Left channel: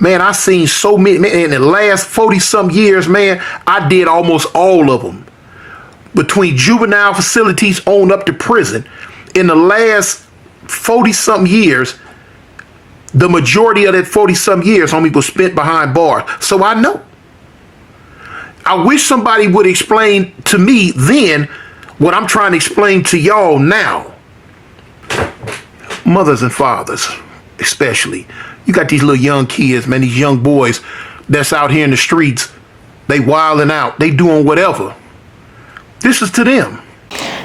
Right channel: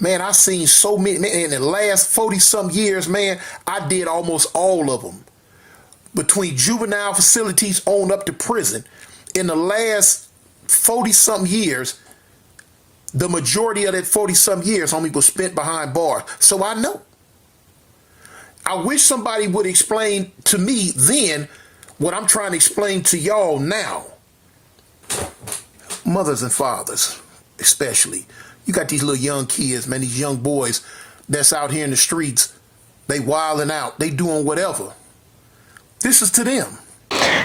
Man, I seen so many, man, in the last 40-some years, man, I did almost all of them. Between juvenile facilities on up to prison. In the last 40-some years, the majority of that 40-some years, homie, was spent behind bars. So I know. I wish somebody would explain to me then what I'm trying to explain to y'all now. Mothers and fathers, especially. You got these little young kids, man, these young boys that's out here in the streets. They wilding out. They doing whatever. This is to them.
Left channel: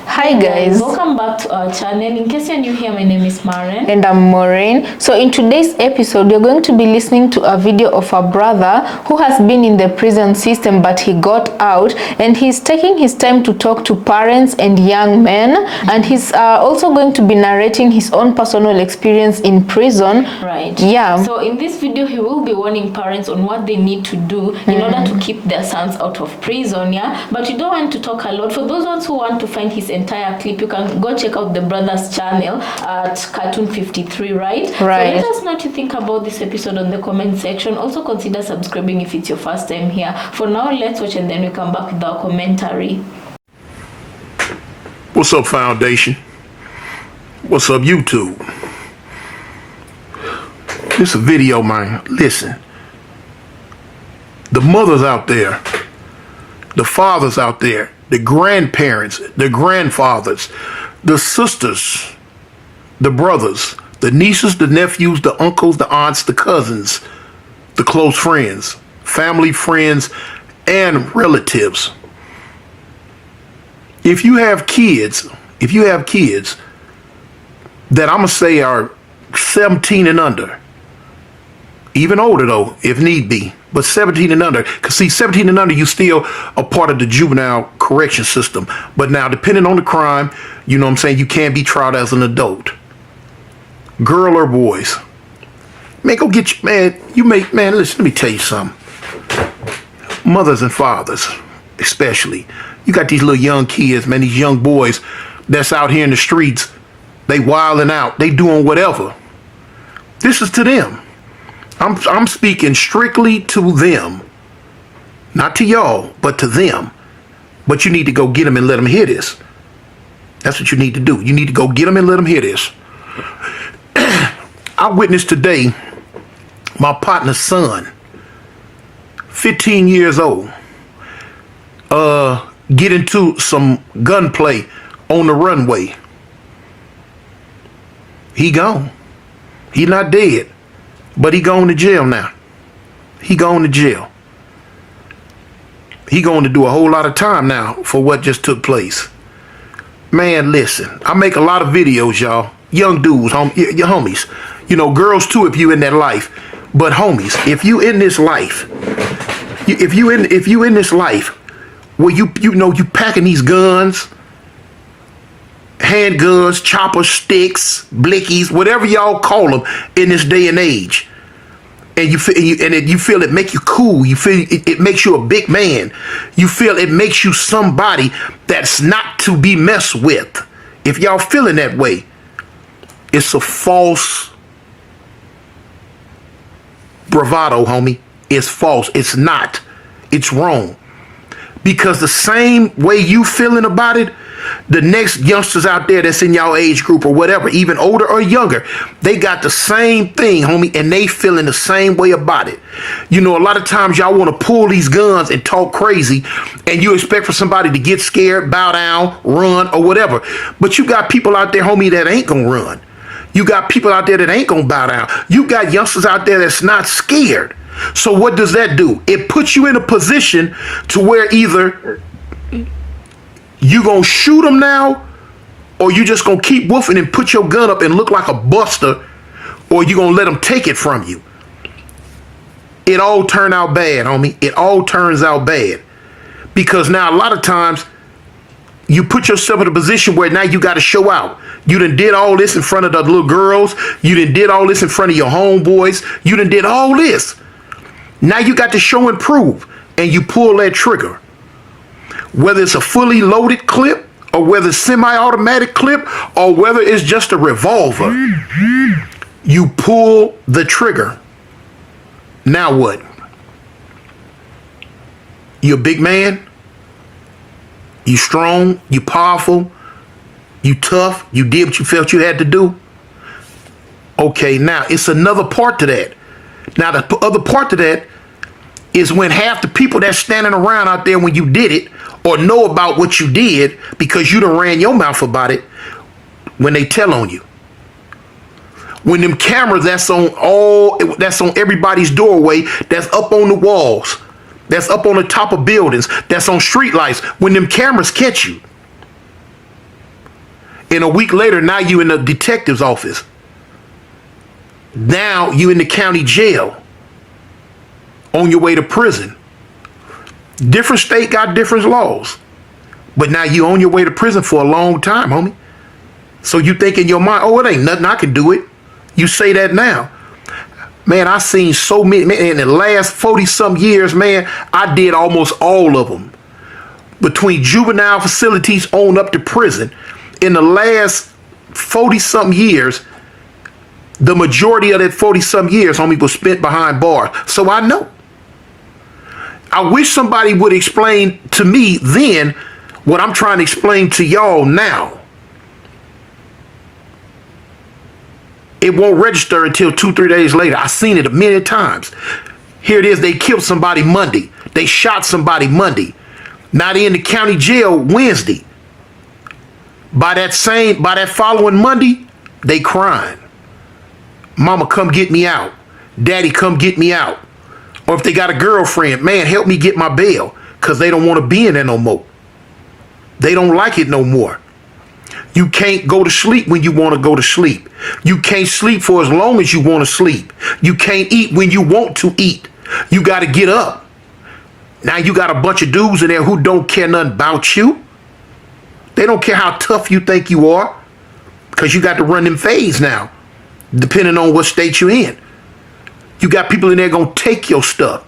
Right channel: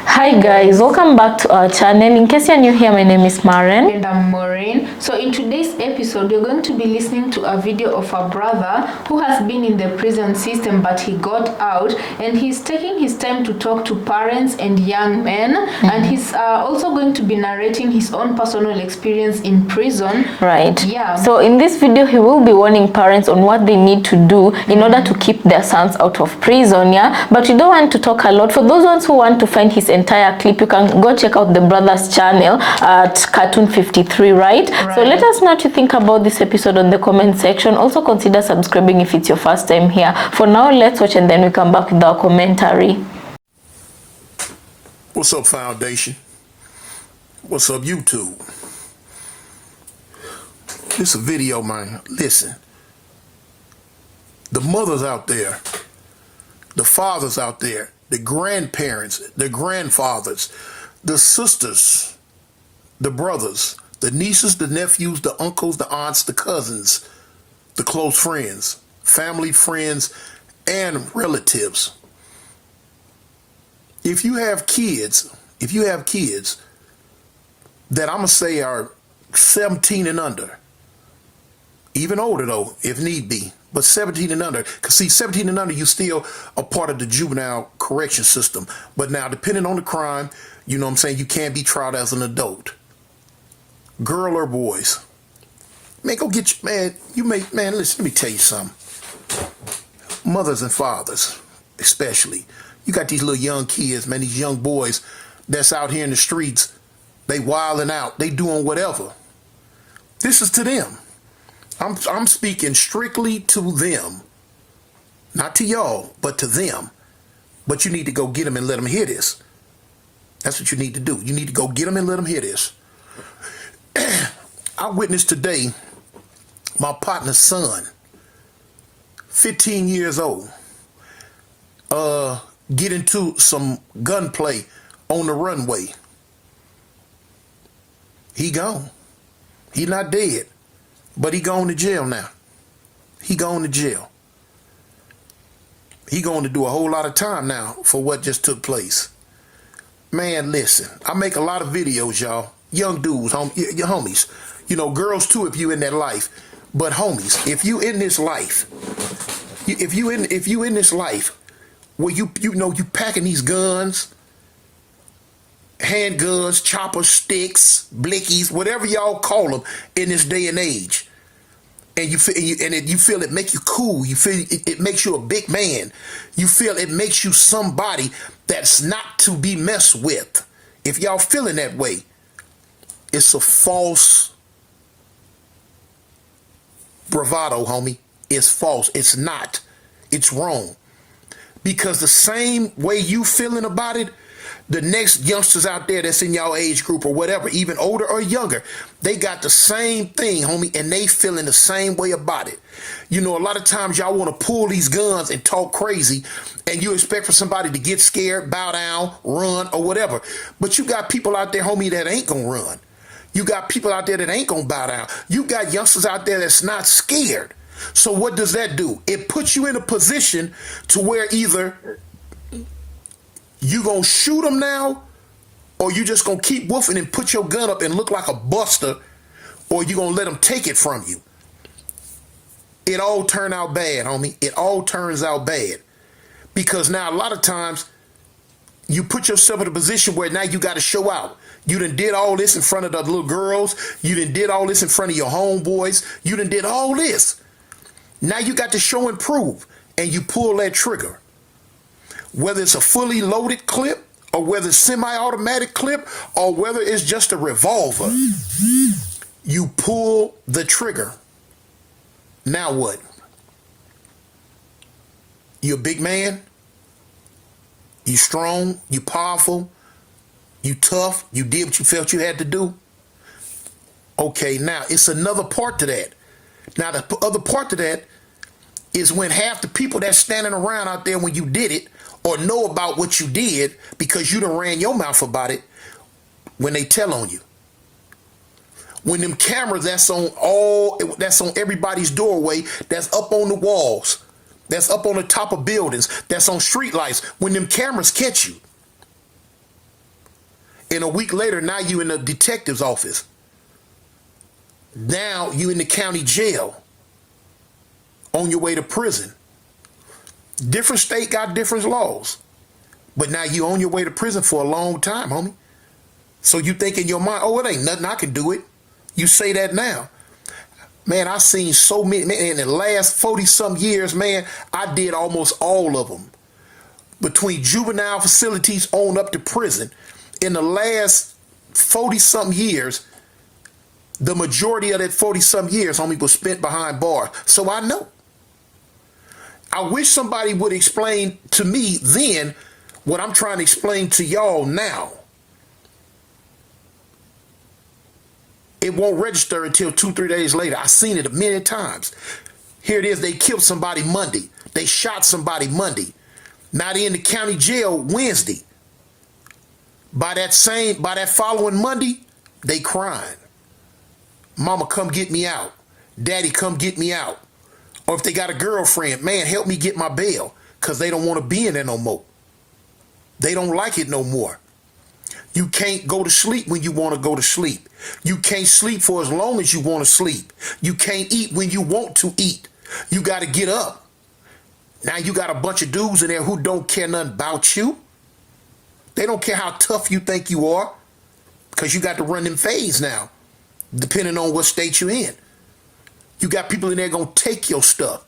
Hi guys, welcome back to our channel. In case you're new here, my name is Maren and I'm Maureen. So in today's episode, you're going to be listening to a video of a brother who has been in the prison system, but he got out, and he's taking his time to talk to parents and young men, and he's also going to be narrating his own personal experience in prison. Right. Yeah. So in this video, he will be warning parents on what they need to do in order to keep their sons out of prison. Yeah. But you don't want to talk a lot. For those ones who want to find his entire clip, you can go check out the brother's channel at Cartoon 53, right? So let us know what you think about this episode on the comment section. Also consider subscribing if it's your first time here. For now, let's watch and then we come back with our commentary. What's up, Foundation? What's up, YouTube? This is a video, man. Listen. The mothers out there, the fathers out there, the grandparents, the grandfathers, the sisters, the brothers, the nieces, the nephews, the uncles, the aunts, the cousins, the close friends, family, friends, and relatives. If you have kids that I'm going to say are 17 and under, even older though, if need be, but 17 and under, because see, 17 and under, you still a part of the juvenile correction system. But now, depending on the crime, you know what I'm saying, you can't be tried as an adult. Girl or boys. Man, go get you, man, listen, let me tell you something. Mothers and fathers, especially. You got these little young kids, man, these young boys that's out here in the streets. They wilding out. They doing whatever. This is to them. I'm speaking strictly to them, not to y'all, but to them. But you need to go get them and let them hear this. That's what you need to do. You need to go get them and let them hear this. I witnessed today my partner's son, 15 years old, get into some gunplay on the runway. He gone. He not dead. But he going to jail now. He going to jail. He going to do a whole lot of time now for what just took place. Man, listen, I make a lot of videos, y'all. Young dudes, your homies. You know, girls too, if you in that life. But homies, if you in this life, if you in this life where you packing these guns, handguns, chopper sticks, blickies, whatever y'all call them in this day and age. And you feel it make you cool. You feel it makes you a big man. You feel it makes you somebody that's not to be messed with. If y'all feeling that way, it's a false bravado, homie. It's false. It's not. It's wrong. Because the same way you feeling about it, the next youngsters out there that's in y'all age group or whatever, even older or younger, they got the same thing, homie, and they feeling the same way about it. You know, a lot of times y'all want to pull these guns and talk crazy, and you expect for somebody to get scared, bow down, run, or whatever. But you got people out there, homie, that ain't gonna run. You got people out there that ain't gonna bow down. You got youngsters out there that's not scared. So what does that do? It puts you in a position to where either you gonna shoot them now, or you just gonna keep woofing and put your gun up and look like a buster, or you gonna let them take it from you. It all turned out bad, homie. It all turns out bad. Because now a lot of times you put yourself in a position where now you gotta show out. You done did all this in front of the little girls. You done did all this in front of your homeboys. You done did all this. Now you got to show and prove, and you pull that trigger. Whether it's a fully loaded clip, or whether it's semi-automatic clip, or whether it's just a revolver, you pull the trigger. Now what? You a big man? You strong? You powerful? You tough? You did what you felt you had to do? Okay, now it's another part to that. Now the other part to that is when half the people that's standing around out there when you did it or know about what you did because you done ran your mouth about it, when they tell on you. When them cameras that's on everybody's doorway, that's up on the walls, that's up on the top of buildings, that's on street lights, when them cameras catch you. And a week later, now you in the detective's office. Now you in the county jail on your way to prison. Different state got different laws. But now you on your way to prison for a long time, homie. So you think in your mind, oh, it ain't nothing, I can do it. You say that now. Man, I seen so many, man, in the last 40-some years, man, I did almost all of them. Between juvenile facilities on up to prison, in the last 40-some years, the majority of that 40-some years, homie, was spent behind bars. So I know. I wish somebody would explain to me then what I'm trying to explain to y'all now. It won't register until 2-3 days later. I seen it a million times. Here it is. They killed somebody Monday. They shot somebody Monday. Now they in the county jail Wednesday. By that following Monday, they crying. Mama, come get me out. Daddy, come get me out. Or if they got a girlfriend, man, help me get my bail, because they don't want to be in there no more. They don't like it no more. You can't go to sleep when you want to go to sleep. You can't sleep for as long as you want to sleep. You can't eat when you want to eat. You got to get up. Now you got a bunch of dudes in there who don't care nothing about you. They don't care how tough you think you are, because you got to run them fades now, depending on what state you're in. You got people in there going to take your stuff.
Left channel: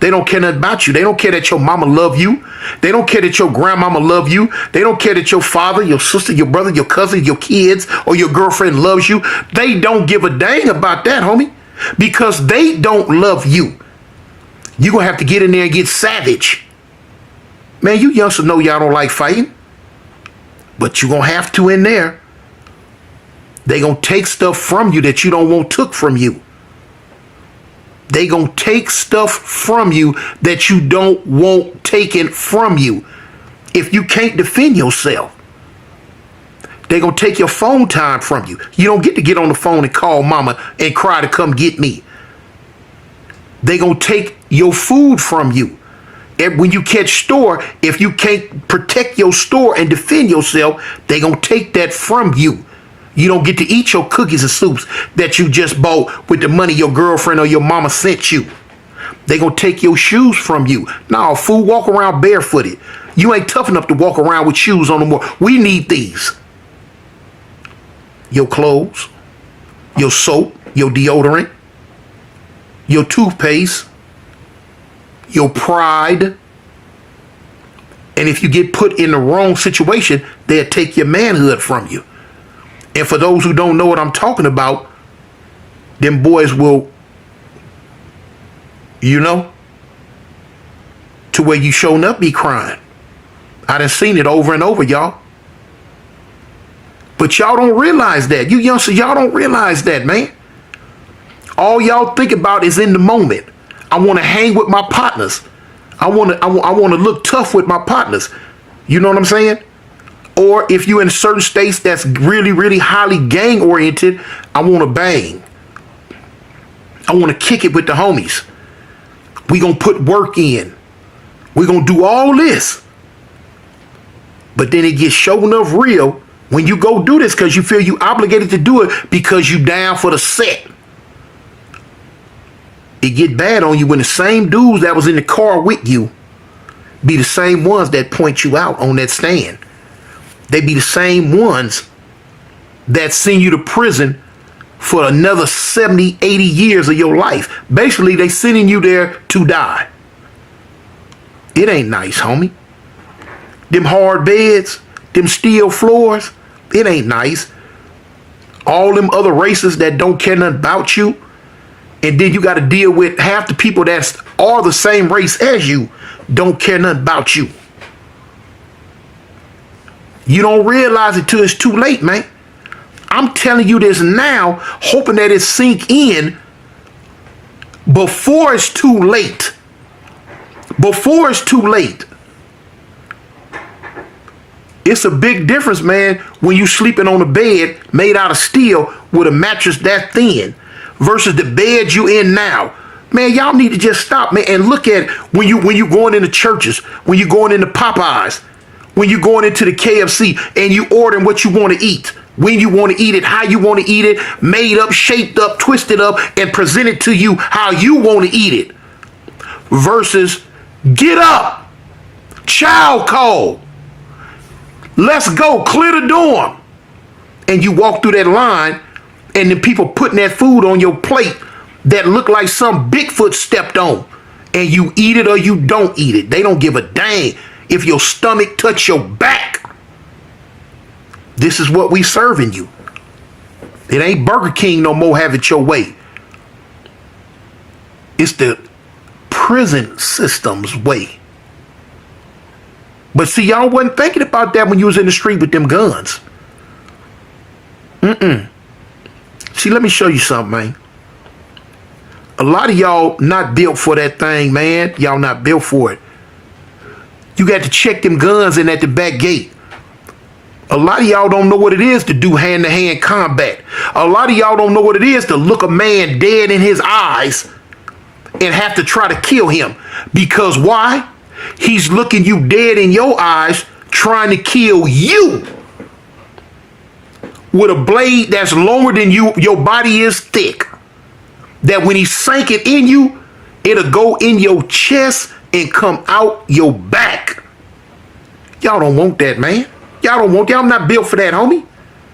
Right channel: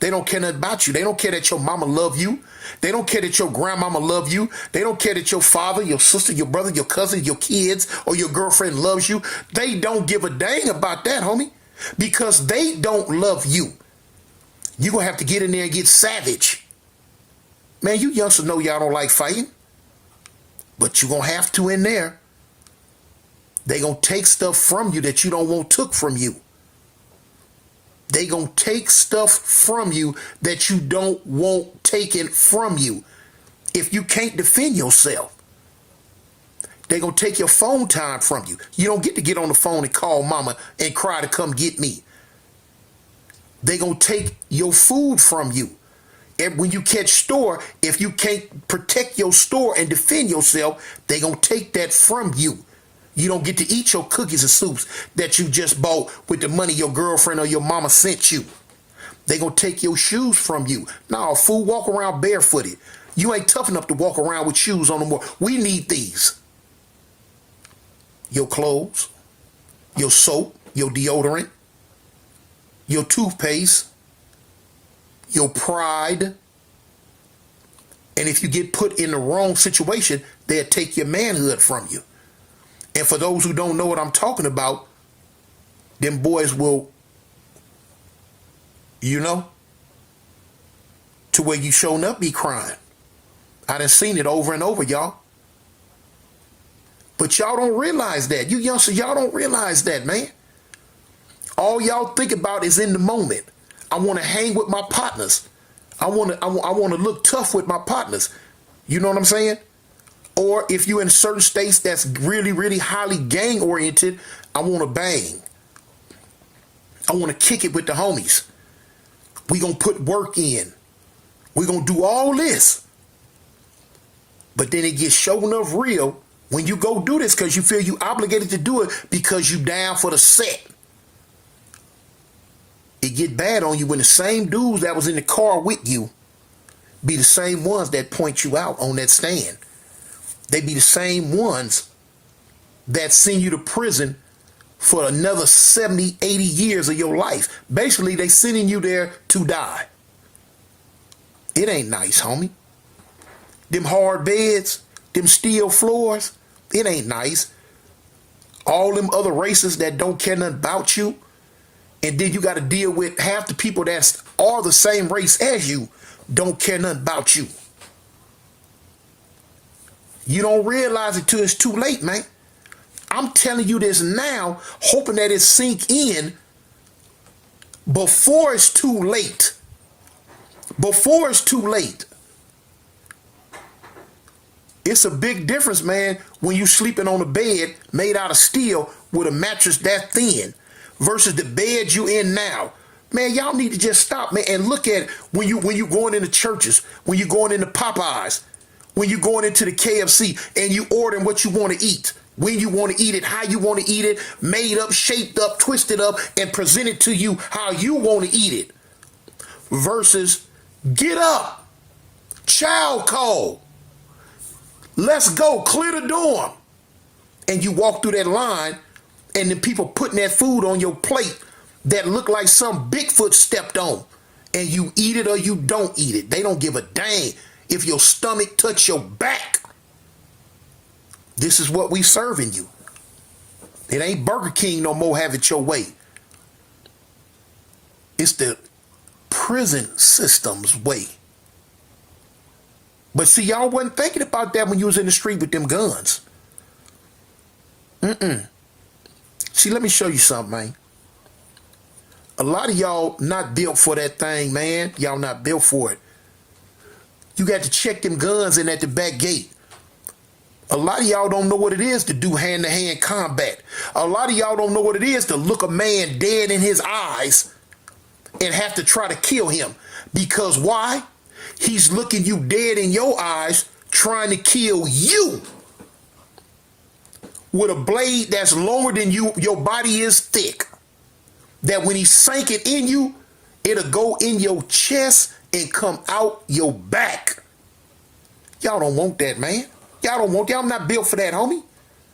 They don't care nothing about you. They don't care that your mama love you. They don't care that your grandmama love you. They don't care that your father, your sister, your brother, your cousin, your kids, or your girlfriend loves you. They don't give a dang about that, homie, because they don't love you. You're going to have to get in there and get savage. Man, you youngsters know y'all don't like fighting, but you're going to have to in there. They going to take stuff from you that you don't want took from you. They gonna take stuff from you that you don't want taken from you if you can't defend yourself. They gonna take your phone time from you. You don't get on the phone and call mama and cry to come get me. They gonna take your food from you. And when you catch store, if you can't protect your store and defend yourself, they gonna take that from you. You don't get to eat your cookies and soups that you just bought with the money your girlfriend or your mama sent you. They gonna take your shoes from you. Nah, fool, walk around barefooted. You ain't tough enough to walk around with shoes on no more. We need these. Your clothes, your soap, your deodorant, your toothpaste, your pride. And if you get put in the wrong situation, they'll take your manhood from you. And for those who don't know what I'm talking about, them boys will, to where you showing up be crying. I done seen it over and over, y'all. But y'all don't realize that. You youngsters, y'all don't realize that, man. All y'all think about is in the moment. I want to hang with my partners. I want to look tough with my partners. You know what I'm saying? Or if you're in certain states that's really, really highly gang oriented, I want to bang. I want to kick it with the homies. We gonna put work in. We gonna do all this. But then it gets show enough real when you go do this because you feel you obligated to do it because you down for the set. It get bad on you when the same dudes that was in the car with you be the same ones that point you out on that stand. They be the same ones that send you to prison for another 70, 80 years of your life. Basically, they sending you there to die. It ain't nice, homie. Them hard beds, them steel floors, it ain't nice. All them other races that don't care nothing about you, And then you got to deal with half the people that's all the same race as you don't care nothing about you. You don't realize it till it's too late, man. I'm telling you this now, hoping that it sink in before it's too late. Before it's too late. It's a big difference, man, when you sleeping on a bed made out of steel with a mattress that thin versus the bed you in now. Man, y'all need to just stop, man, and look at when you going into churches, when you going into Popeyes, when you going into the KFC and you ordering what you want to eat, when you want to eat it, how you want to eat it, made up, shaped up, twisted up, and presented to you how you want to eat it. Versus get up, child call, let's go, clear the dorm. And you walk through that line and then people putting that food on your plate that look like some Bigfoot stepped on, and you eat it or you don't eat it. They don't give a dang if your stomach touch your back. This is what we serving you. It ain't Burger King no more, have it your way. It's the prison system's way. But see, y'all wasn't thinking about that when you was in the street with them guns. See, let me show you something, man. A lot of y'all not built for that thing, man. Y'all not built for it. You got to check them guns in at the back gate. A lot of y'all don't know what it is to do hand-to-hand combat. A lot of y'all don't know what it is to look a man dead in his eyes and have to try to kill him. Because why? He's looking you dead in your eyes, trying to kill you with a blade that's longer than you. Your body is thick. That when he sank it in you, it'll go in your chest and come out your back. Y'all don't want that, man. Y'all don't want that. I'm not built for that, homie.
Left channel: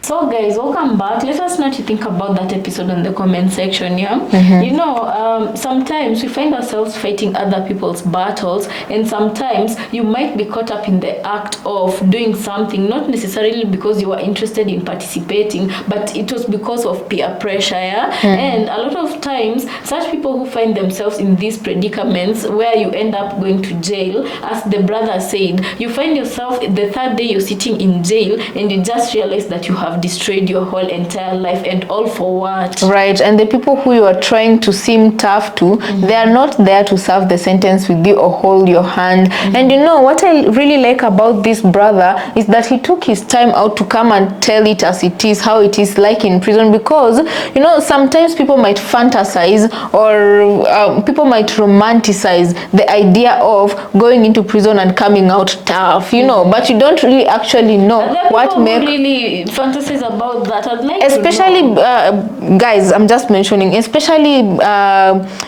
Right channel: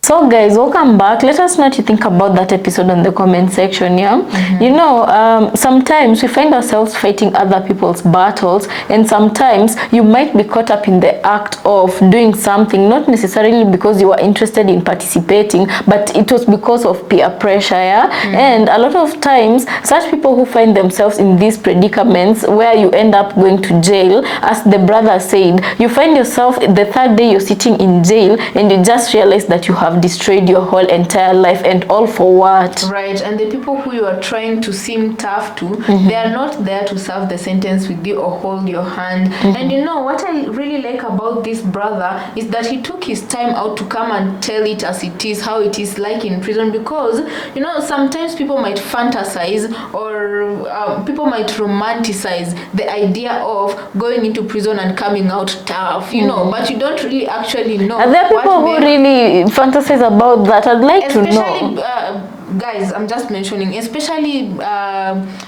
So guys, welcome back. Let us know what you think about that episode on the comment section, yeah? You know, sometimes we find ourselves fighting other people's battles, and sometimes you might be caught up in the act of doing something, not necessarily because you were interested in participating, but it was because of peer pressure, yeah? And a lot of times, such people who find themselves in these predicaments where you end up going to jail, as the brother said, you find yourself the third day you're sitting in jail and you just realize that you have destroyed your whole entire life, and all for what? Right. And the people who you are trying to seem tough to, they are not there to serve the sentence with you or hold your hand. And you know what I really like about this brother is that he took his time out to come and tell it as it is, how it is like in prison, because you know sometimes people might fantasize or people might romanticize the idea of going into prison and coming out tough, you know, but you don't really actually know what really fantasize about that. I'd like especially to know. Guys, I'm just mentioning, especially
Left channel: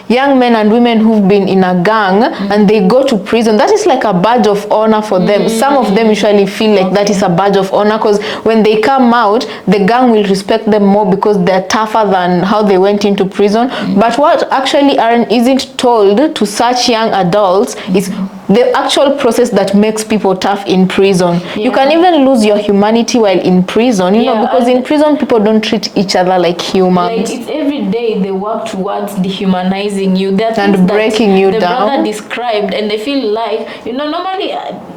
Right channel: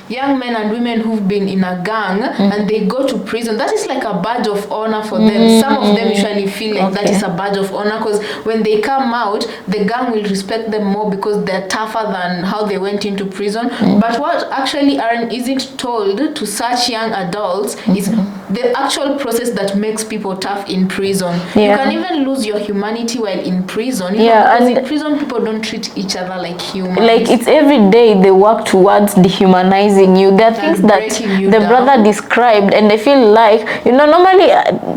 young men and women who've been in a gang and they go to prison. That is like a badge of honor for them. Some of them usually feel like that is a badge of honor, because when they come out, the gang will respect them more because they're tougher than how they went into prison. But what actually isn't told to such young adults is the actual process that makes people tough in prison. You can even lose your humanity while in prison, you know, because in prison people don't treat each other like humans. Like it's every day they work towards dehumanizing you. They're things breaking you the down. brother described, and they feel like, you know, normally,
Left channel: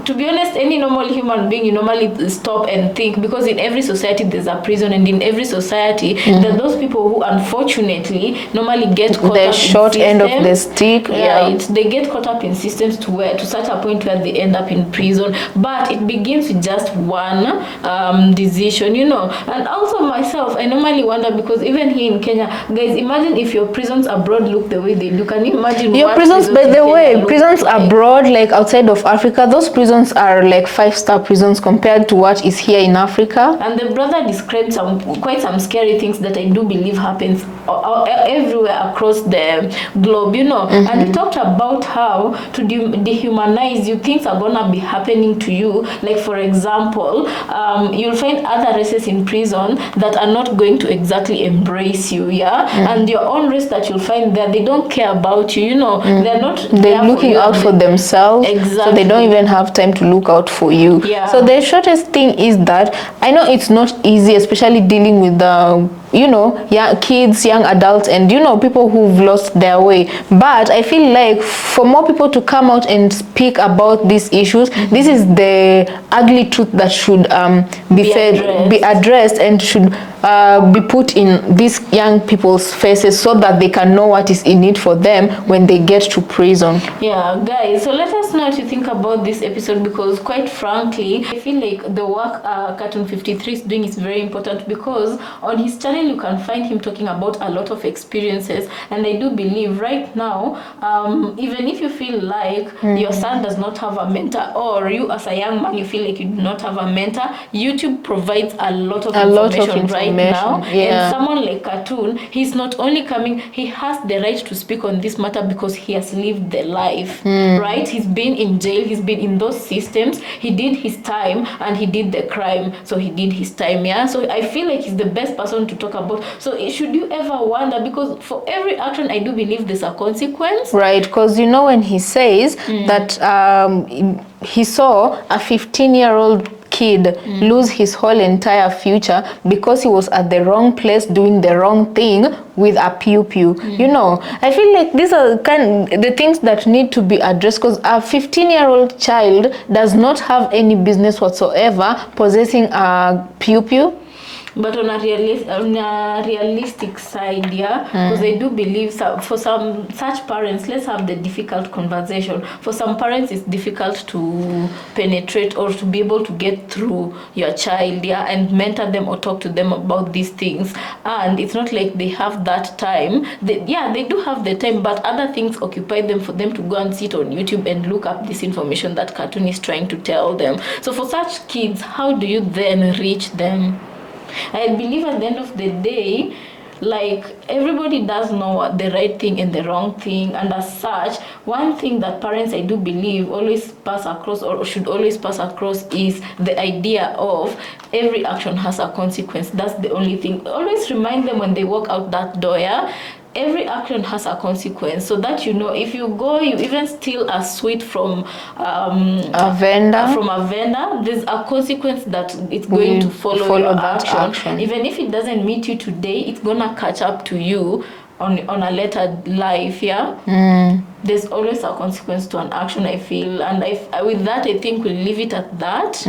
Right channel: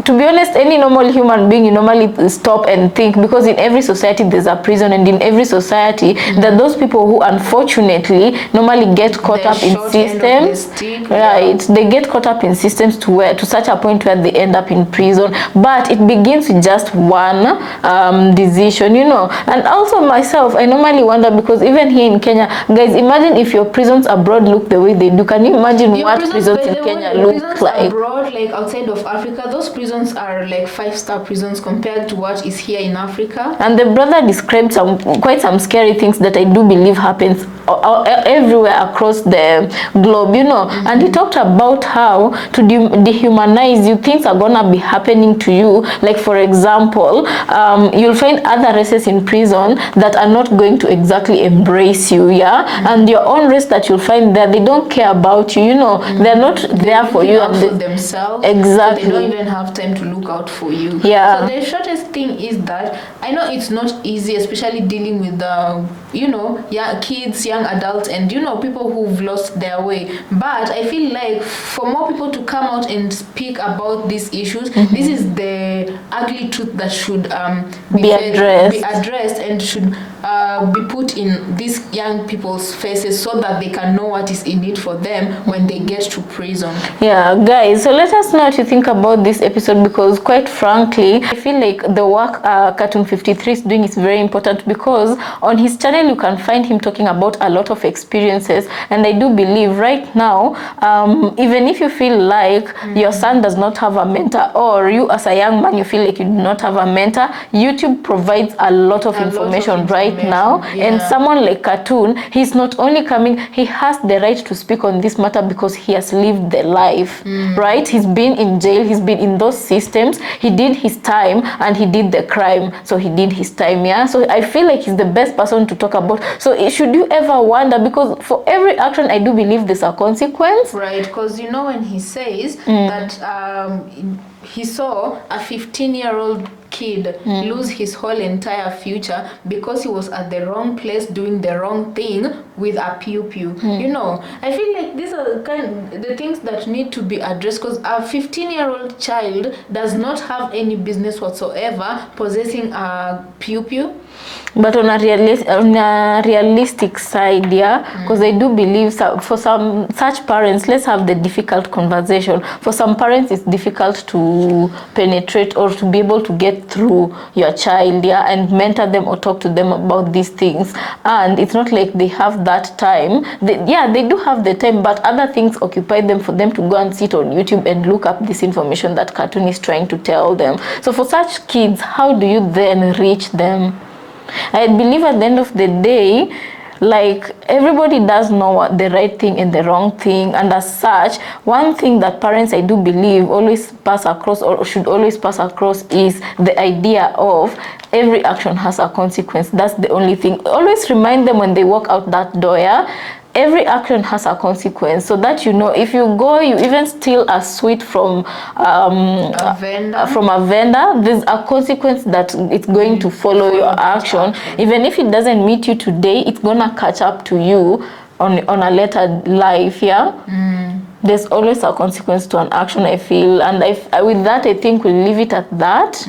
to be honest, any normal human being, you normally stop and think, because in every society there's a prison, and in every society that those people who unfortunately normally get caught up in short systems, end of the stick, right? They get caught up in systems to such a point where they end up in prison. But it begins with just one decision, you know. And also myself, I normally wonder, because even here in Kenya, guys, imagine if your prisons abroad look the way they do. Can you imagine your what prisons, by the way, prisons like abroad, like outside of Africa, those prisons are like 5-star prisons compared to what is here in Africa. And the brother described quite some scary things that I do believe happens everywhere across the globe, you know. And he talked about how to dehumanize you, things are gonna be happening to you. Like for example, you'll find other races in prison that are not going to exactly embrace you, and your own race that you'll find there, they don't care about you, you know. They're not there for looking you out for themselves. Exactly. So they don't even have time to look out for you. Yeah. So the shortest thing is that I know it's not easy, especially dealing with the young kids, young adults, and people who've lost their way. But I feel like for more people to come out and speak about these issues, this is the ugly truth that should be addressed and should be put in these young people's faces so that they can know what is in it for them when they get to prison. Yeah, guys, so let us know what you think about this episode, because quite frankly, I feel like the work Cartoon 53 is doing is very important, because on his channel you can find him talking about a lot of experiences, and I do believe right now, even if you feel like your son does not have a mentor, or you as a young man you feel like you do not have a mentor, YouTube provides a lot of information right now. And someone like Cartoon, he's not only coming, he has the right to speak on this matter because he has lived the life, right? He's been in jail, he's been in those systems, he did his time and he did the crime, so he did his time. So I feel like he's the best person to talk about. So should you ever wonder, because for every action I do believe there's a consequence, right? Because when he says that he saw a 15-year-old kid lose his whole entire future because he was at the wrong place doing the wrong thing with a pew-pew. I feel like these are the things that need to be addressed, because a 15-year-old child does not have any business whatsoever possessing a pew-pew. But on a realistic side, because I do believe for some such parents, let's have the difficult conversation. For some parents, it's difficult to penetrate or to be able to get through your child, and mentor them or talk to them about these things. And it's not like they have that time. They do have the time, but other things occupy them for them to go and sit on YouTube and look up this information that Cartoon is trying to tell them. So for such kids, how do you then reach them? I believe at the end of the day, like, everybody does know what the right thing and the wrong thing, and as such, one thing that parents, I do believe, always pass across or should always pass across is the idea of every action has a consequence. That's the only thing. Always remind them when they walk out that door, every action has a consequence, so that if you go, you even steal a sweet from a vendor, there's a consequence that it's going to follow your action. Even if it doesn't meet you today, it's gonna catch up to you on a later life. There's always a consequence to an action, I feel, and with that I think we'll leave it at that.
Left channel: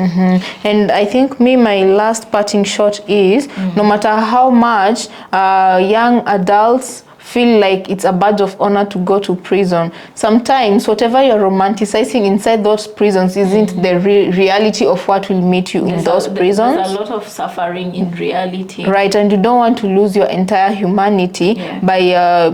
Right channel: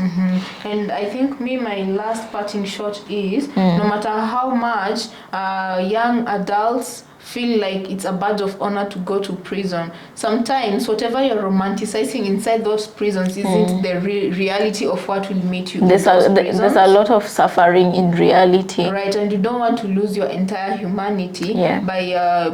And I think my last parting shot is no matter how much young adults feel like it's a badge of honor to go to prison, sometimes whatever you're romanticizing inside those prisons isn't the reality of what will meet you in those prisons. There's a lot of suffering in reality, right? And you don't want to lose your entire humanity by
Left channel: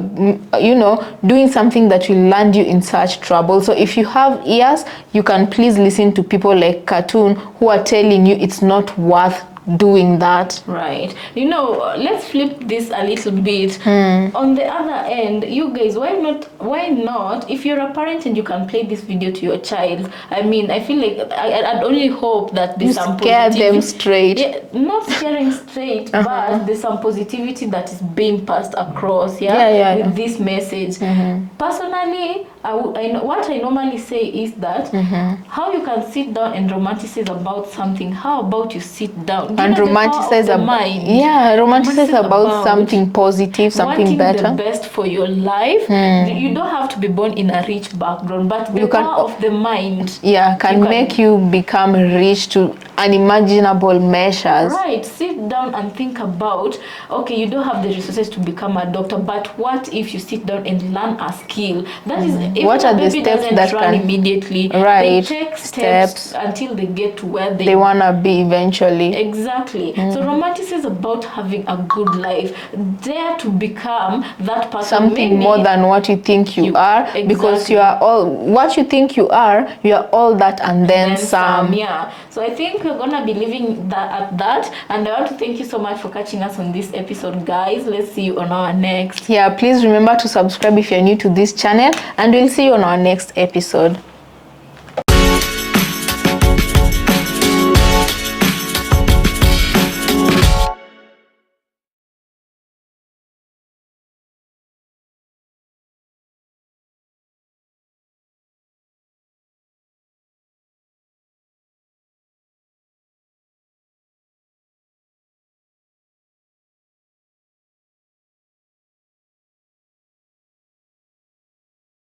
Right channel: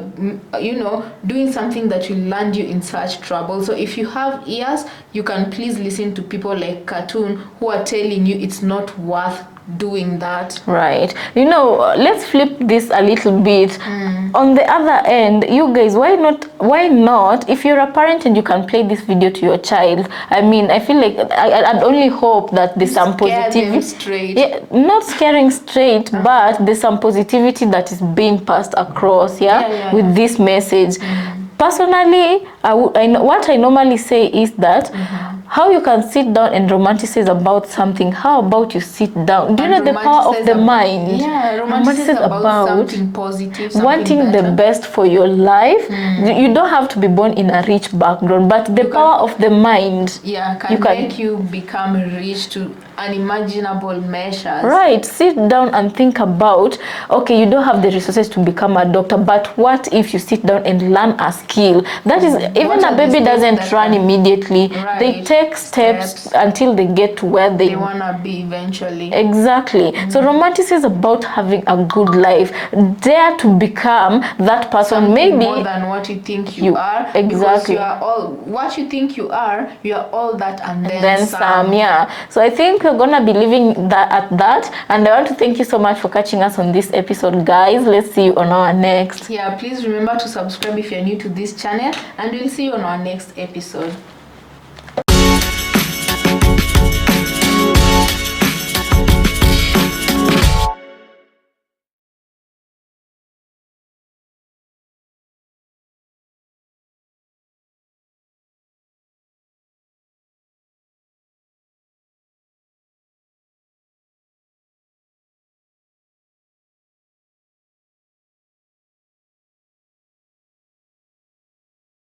doing something that will land you in such trouble. So if you have ears, you can please listen to people like Cartoon who are telling you it's not worth doing that, right? Let's flip this a little bit. On the other end, you guys, why not, if you're a parent and you can play this video to your child, I feel like I'd only hope that there's some positivity. Them straight. Not scaring straight, but there's some positivity that is being passed across with this message. Personally, what I normally say is that how you can sit down and romanticize about something, how about you sit down and romanticize the mind. Romanticize about something positive, something wanting better. the best for your life. You don't have to be born in a rich background, but the power of the mind can make you become rich to unimaginable measures. Right. Sit down and think about, okay, you don't have the resources to become a doctor, but what if you sit down and learn a skill? That is, even a baby doesn't run immediately. Right. They take steps until they get to where they want to be eventually. Exactly. So romanticism is about having a good life. Dare to become that person. Something more than what you think you are. Exactly. Because you are all, what you think you are all that and then some. So I think we're gonna be leaving that at that, and I want to thank you so much for catching us on this episode, guys. Let's see you on our next. Please remember to subscribe if you're new to this channel, and we'll see you on our next episode.